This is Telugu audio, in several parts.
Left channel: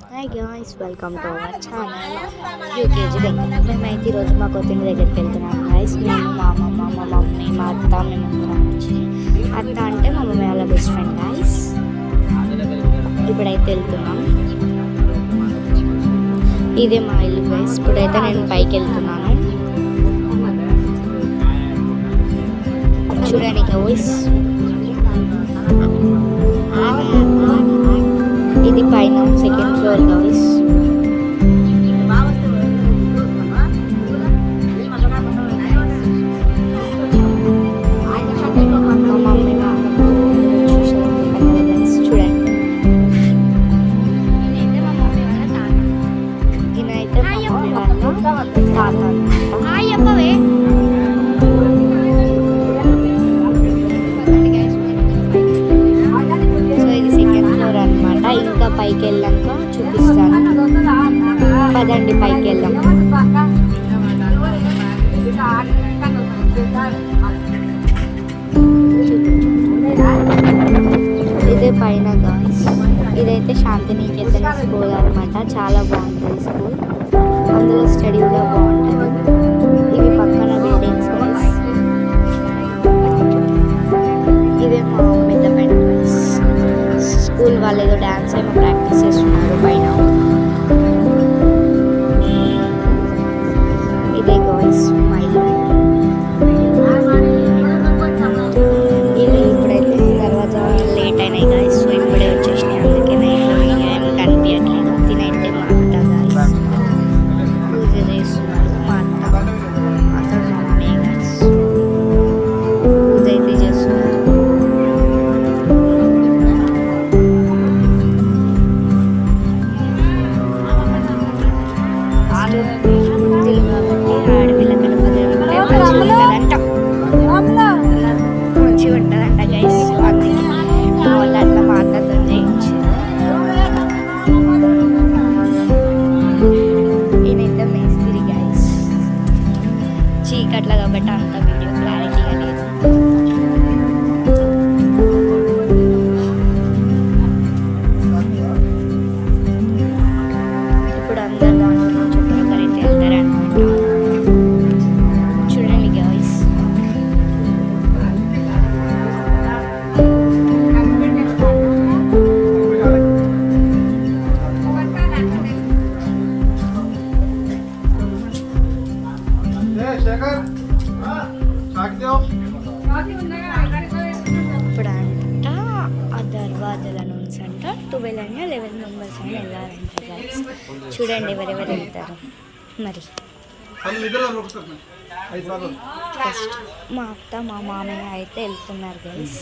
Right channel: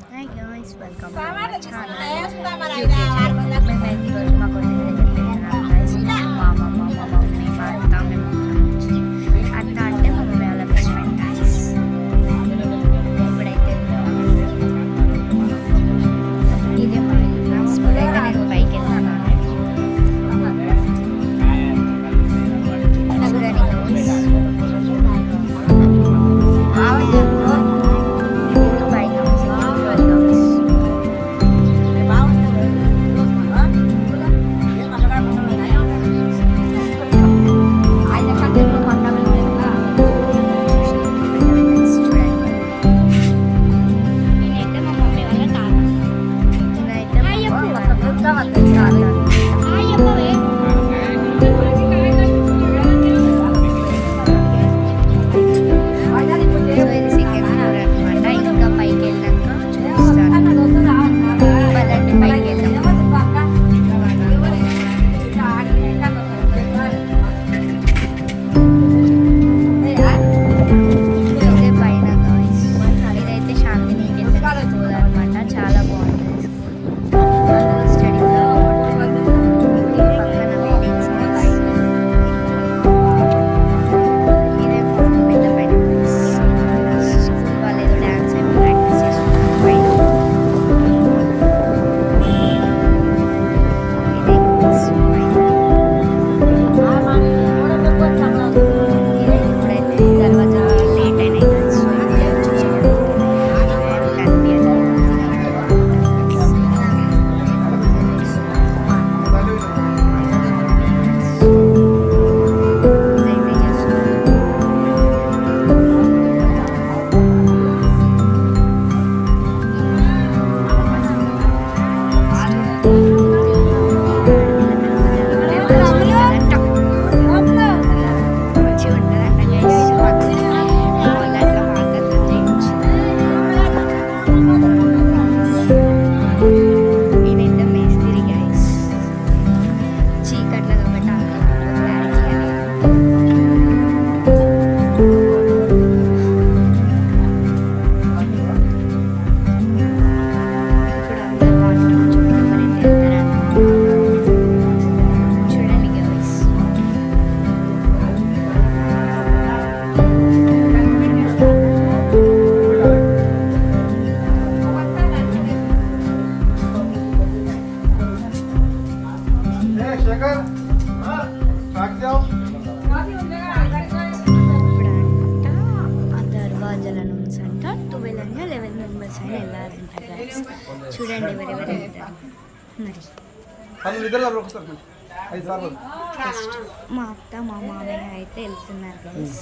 Hi guys, welcome to our channel UKG. మేమైతే ఈరోజు మా కొత్తింటి దగ్గరికి వెళ్తున్నాం గాయ్స్. నేను, మా అమ్మమ్మ, మా మమ్మీ, మా అత్త, మేము అత్త అంటే మా మమ్మీ వాళ్ళ బెస్ట్ ఫ్రెండ్ గాయ్స్. ఇప్పుడైతే వెళ్తున్నాం. ఇదే మా ఇల్లు గాయ్స్. ఇప్పుడైతే నేను పైకి వెళ్తున్నాను. చూడండి గాయ్స్, ఇది పైన సెకండ్ ఫ్లోర్ గాయ్స్. ఇంకా పైకి వెళ్ళాక చూపిస్తాను. పదండి పైకి వెళ్దాం. ఇదే పైన గాయ్స్. ఇదైతే శాంతినికేతన్ స్కూల్ అనమాట. చాలా బాగుంటుంది స్కూల్. అందులో స్టడీ కూడా బాగుంటుంది. ఇవి పక్కన బిల్డింగ్స్. ఇదే మా పెద్ద పైన స్కూల్ వాళ్ళు ఏదో డ్యాన్స్ ఏమో ప్రాక్టీస్ చేస్తున్నారు పైన. ఇదే గాయ్స్ పైన. ఇది ఇప్పుడైతే దర్వాజా లేట్ అయినాయి గాయ్స్. సో ఇప్పుడే వచ్చేసినాయి. అందుకే నైట్లో ఏమి కనిపించట్లేదు. తినైతే మా అత్త పూజ చేస్తున్నారు. మా అత్త మమ్మీ పూజ అయితే చేస్తున్నారు. చీకట్లా కాబట్టి అంత వీడియో క్లారిటీగా లేదు. ఇప్పుడు అందరు దాంట్లో నుంచి ఒకరైతే వెళ్తారనమాట. చూడండి గాయ్స్. ఇప్పుడంట ఆ దర్వాజాల నుంచి అంట 12 అని 11 మెంబర్స్ అయినా వెళ్ళారంట గైస్. చూడండి ఎవరెవరు వెళ్తారు. మరి ఫస్ట్ మా అత్త మా మామయ్య అయితే వెళ్తున్నారు గైస్.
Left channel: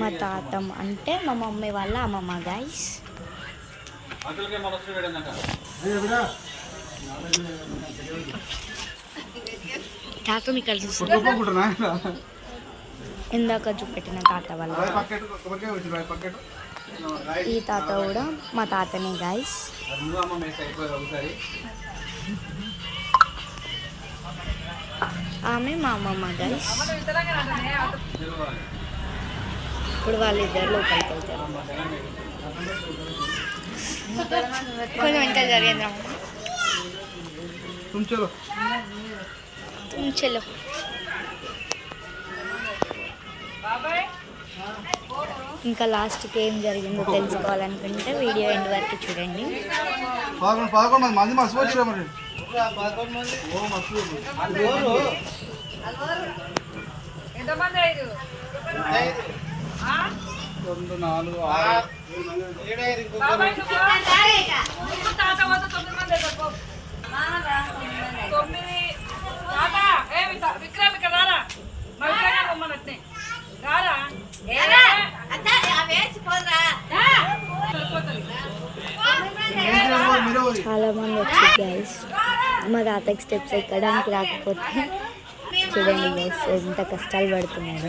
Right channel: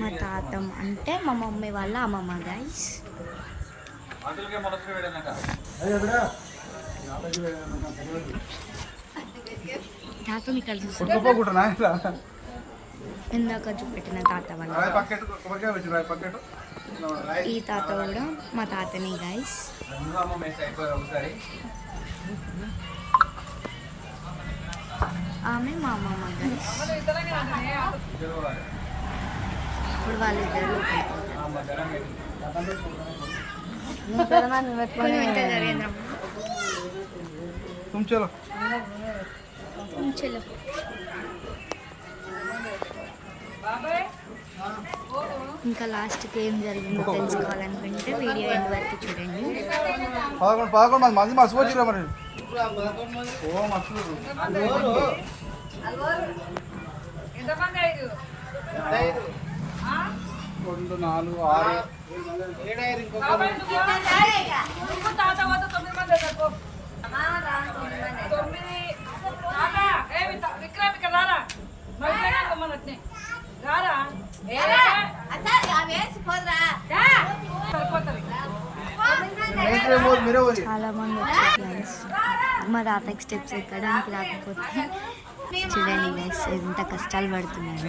మా తాతం అంటే మా మమ్మీ వాళ్ళ అమ్మమ్మ గైస్. తాతం ఇక్కడ చూస్తున్నా. ఇందాక చూపెట్టిన తాత వాళ్ళ ఈ తాత కూడా మా తాతనే గైస్. ఆమె మా అమ్మమ్మ గైస్. ఇప్పుడు వాళ్ళిద్దరు లోపలికి వెళ్తారు. కొంచెం వెంటనే జరిగిందా చలో. ఇంకా లాస్ట్కి ఏం జరిగిందో తెలుసుకోవాలనుకుంటే వీడియో ఎండ్ వరకు చూడండి. చాలా మంది వచ్చారు గైస్. మా తాతకి స్టెప్స్ ఎక్కడానికి రాకపోతే చూడండి గైస్ ఎంత కష్టాలు పడుతున్నారు.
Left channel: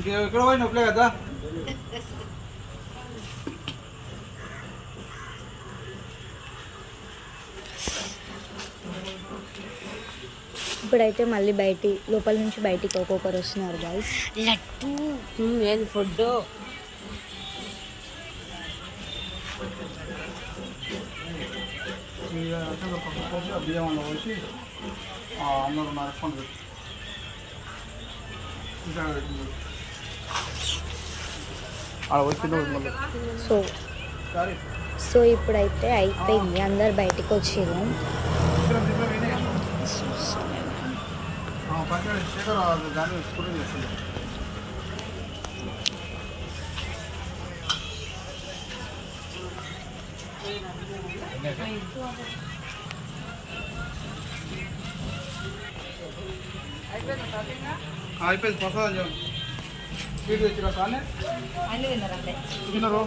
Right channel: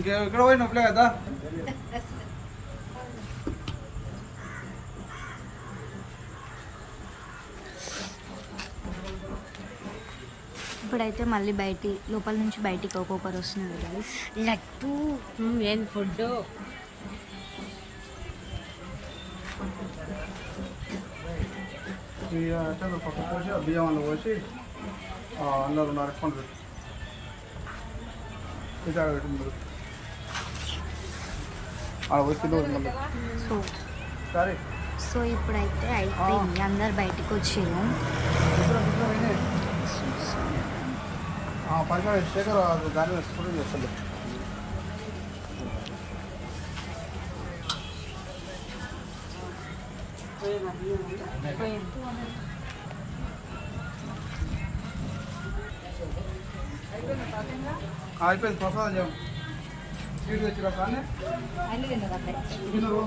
ఇక్కడ పోయి నొప్పలే కదా. ఇప్పుడైతే మళ్ళీ లోపల నుంచి బయటికి ఒక్కొక్కరు వస్తున్నారు గైస్. లడ్డు ఏంది ఫుడ్ పక్కన పోసి ఆ బియ్యం అన్న పోసి అందరూ నడుచుకుంటూ పెట్టి ఆడ వచ్చి మళ్ళీ సో ఇప్పుడైతే అయిపోయింది, అందరు బయటికి వచ్చారు. పంచాయతీ శేఖర్ దాన్ని ఎక్స్పోర్ట్ చేస్తుంది. అయిపోయింది ప్రసాదం స్వీట్ తెచ్చిరా కానీ అన్ని తిన్నారు అంతే. తిన్నారు.